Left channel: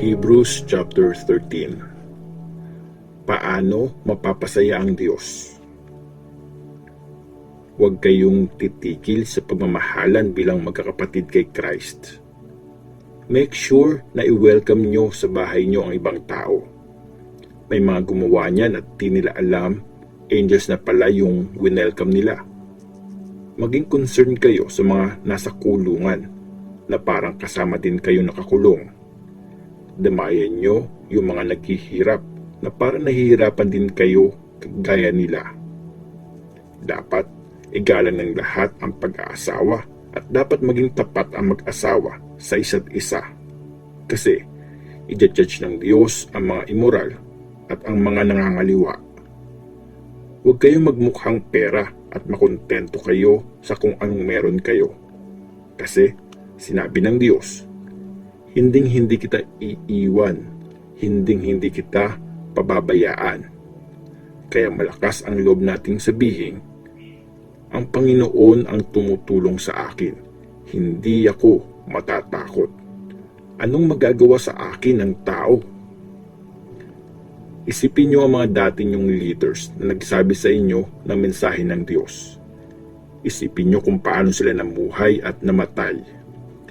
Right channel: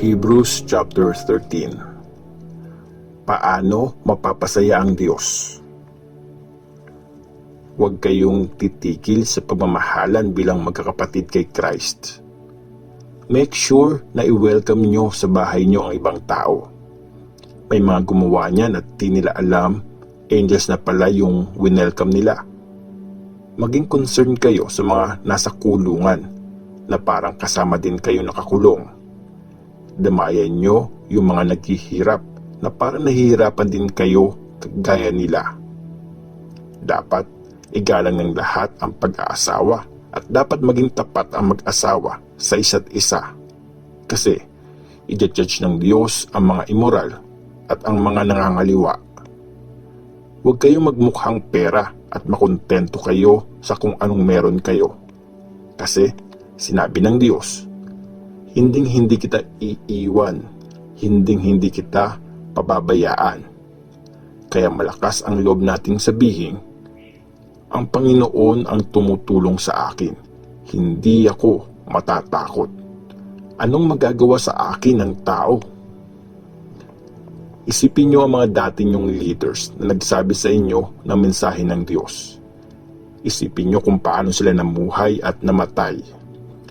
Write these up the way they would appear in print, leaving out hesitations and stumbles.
Hebrews chapter 13. Paano mapapasaya ang Diyos? Huwag kayong titigil sa pagmamahalan bilang magkakapatid kay Christ. Make sure na i-welcome nyo sa bahay nyo ang ibang tao. May mga gumawa niyan at di nila alam, angels na pala yung winelcome nila. Maging concerned kayo sa mga nasa kulungan na parang kasama din kayo nakakulong. Damayan nyo yung mga naghihirap na parang nahihirapan din kayo kagaya nila. Dapat igalang ng lahat ang pag-aasawa at dapat maging tapat ang mag-asawa sa isa't isa. Kasi i-judge ng Diyos ang mga immoral at ang mga nangangaliwa. Huwag kayong magmukhang pera at makontento kayo sa kung anong meron kayo. Kasi sinabi ng Diyos, hinding-hindi kita iiwan, hinding-hindi kita pababayaan. Kaya malakas ang loob nating sabihin, ang Panginoon ang tumutulong sa akin, hindi ako matatakot. Anong magagawa sa akin ng tao? Isipin niyo ang mga dating nyong leaders na nagsabi sa inyo ng mensahe ng Diyos. Isipin niyo kung paano sila namuhay at namatay.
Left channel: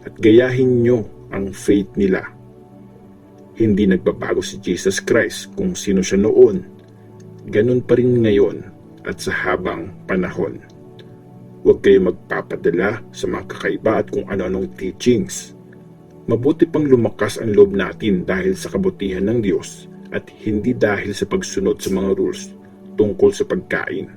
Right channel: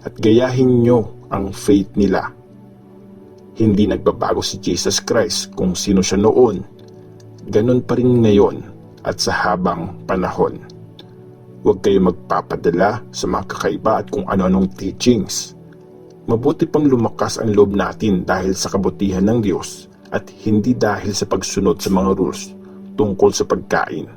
At gayahin niyo ang faith nila. Hindi nagbabago si Jesus Christ kung sino siya noon. Ganun pa rin ngayon at sa habang panahon. Huwag kayong magpapadala sa mga kakaiba at kung ano-anong teachings. Mabuti pang lumakas ang loob natin dahil sa kabutihan ng Diyos at hindi dahil sa pagsunod sa mga rules tungkol sa pagkain.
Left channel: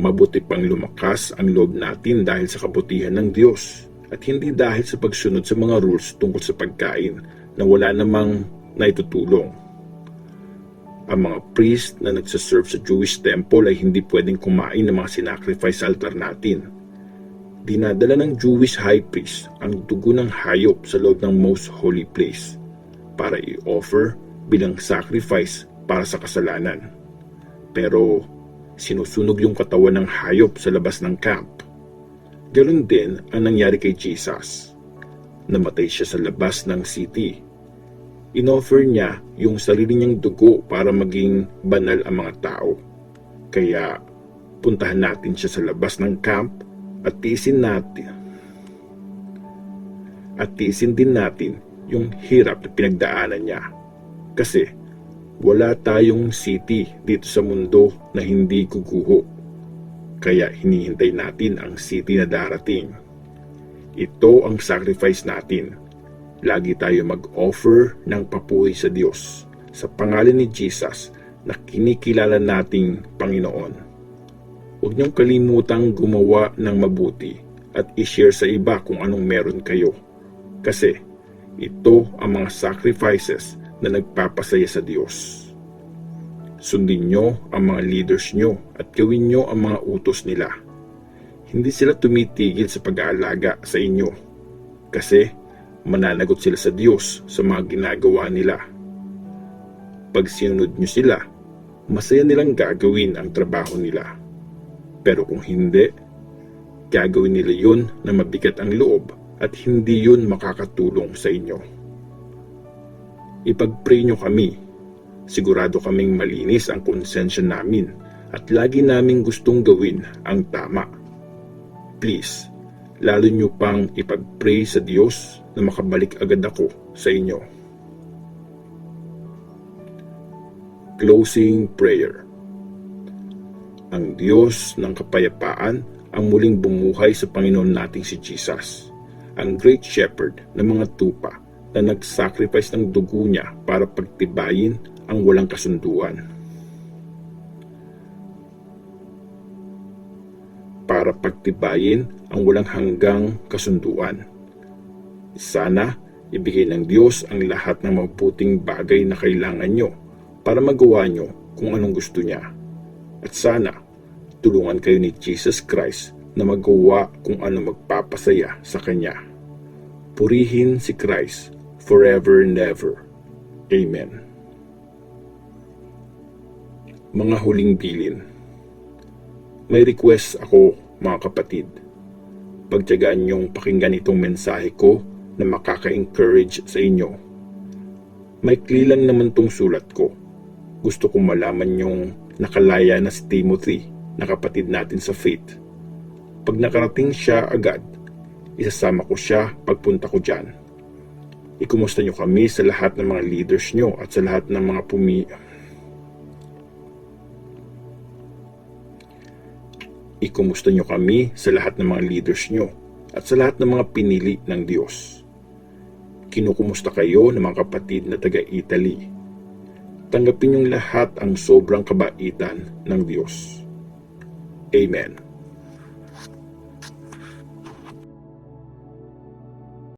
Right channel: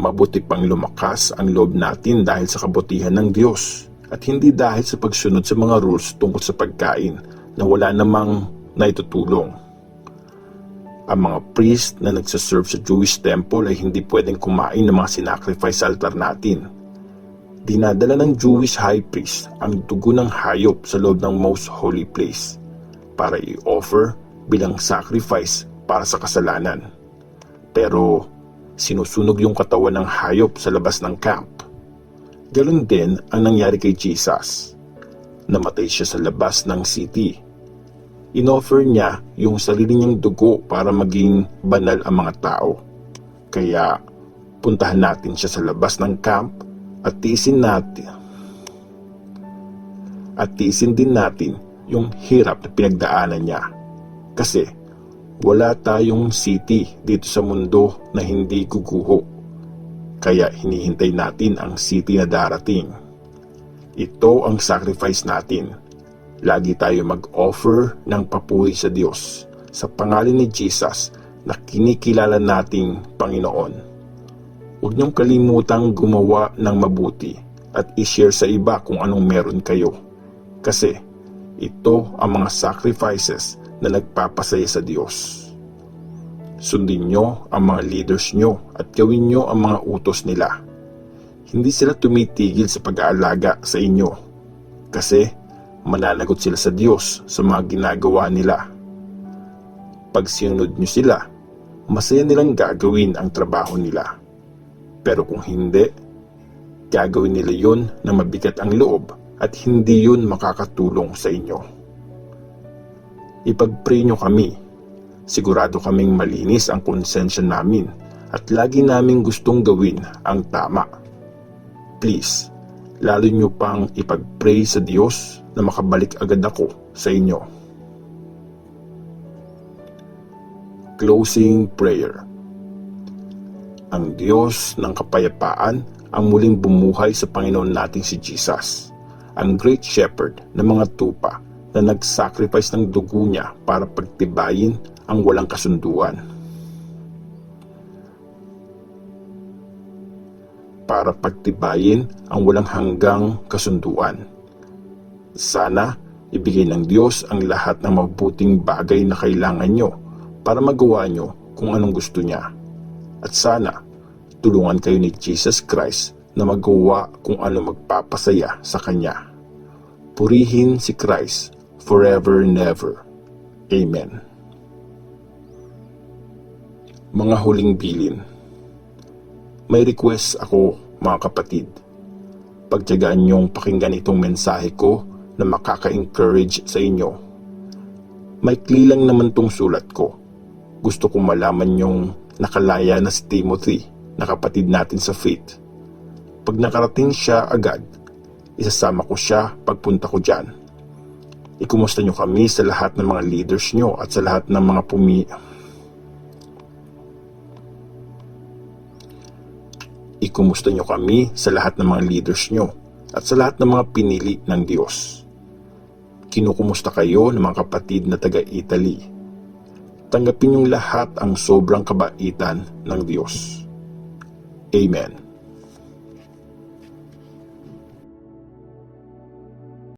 Mabuti pang lumakas ang loob natin dahil sa kabutihan ng Diyos at hindi dahil sa pagsunod sa mga rules tungkol sa pagkain na wala namang naitutulong. Ang mga priest na nagsaserve sa Jewish temple ay hindi pwedeng kumain ng mga sinacrifice sa altar natin. Dinadala ng Jewish high priest ang dugo ng hayop sa loob ng most holy place para i-offer bilang sacrifice para sa kasalanan. Pero sinusunog yung katawan ng hayop sa labas ng camp. Ganoon din ang nangyari kay Jesus. Namatay siya sa labas ng city. Inoffer niya yung sarili niyang dugo para maging banal ang mga tao. Kaya puntahan natin siya sa labas ng camp at tiisin din natin yung hirap na pinagdaanan niya. Kasi wala tayong city dito sa mundo na hindi guguho. Kaya hinihintay natin ang city na darating. Ito ang sacrifice natin. Lagi tayo mag-offer ng papuri sa Diyos sa pangalan ni Jesus na kinikilala nating Panginoon. Huwag niyong kalimutang gumawa ng mabuti at i-share sa iba kung anong meron kayo. Kasi ito ang mga sacrifices na nagpapasaya sa Diyos. Sundin niyo ang mga leaders niyo at gawin niyo ang mga utos nila. Hindi sila tumitigil sa pag-aalaga sa inyo. Kasi mananagot sila sa Diyos sa mga ginagawa nila. Pag sinunod nyo sila, masaya nilang gagawin ang trabaho nila. Pero kung hindi, gagawin nila yun na mabigat ang loob at hindi yun makakatulong sa inyo. Ipag-pray nyo kami. Sigurado kaming malinis ang konsensya namin at lagi naming gustong gawin ang tama. Please, lalo nyo pang ipag-pray sa Diyos na makabalik agad ako sa inyo. Closing prayer. Ang Diyos ng kapayapaan ang muling bumuhay sa Panginoon nating si Jesus, ang Great Shepherd ng mga tupa na nag-sacrifice ng dugo niya para pagtibayin ang walang kasunduan. Para pagtibayin ang walang hanggang kasunduan. Sana ibigay ng Diyos ang lahat ng mabuting bagay na kailangan nyo para magawa nyo kung anong gusto niya. At sana tulungan kayo ni Jesus Christ na magawa kung ano magpapasaya sa Kanya. Purihin si Christ forever and ever. Amen. Mga huling bilin. May request ako, mga kapatid. Pagtiyagaan niyong pakinggan itong mensahe ko na makaka-encourage sa inyo. Maikli lang naman tong sulat ko. Gusto kong malaman yung nakalaya na si Timothy, na kapatid natin sa faith. Pag nakarating siya agad, isasama ko siya pagpunta ko dyan. Ikumusta nyo kami sa lahat ng mga leaders nyo at sa lahat ng mga Ikumusta nyo kami sa lahat ng mga leaders nyo at sa lahat ng mga pinili ng Diyos. Kinukumusta kayo ng mga kapatid na taga-Italy. Tanggapin yung lahat ang sobrang kabaitan ng Diyos. Amen.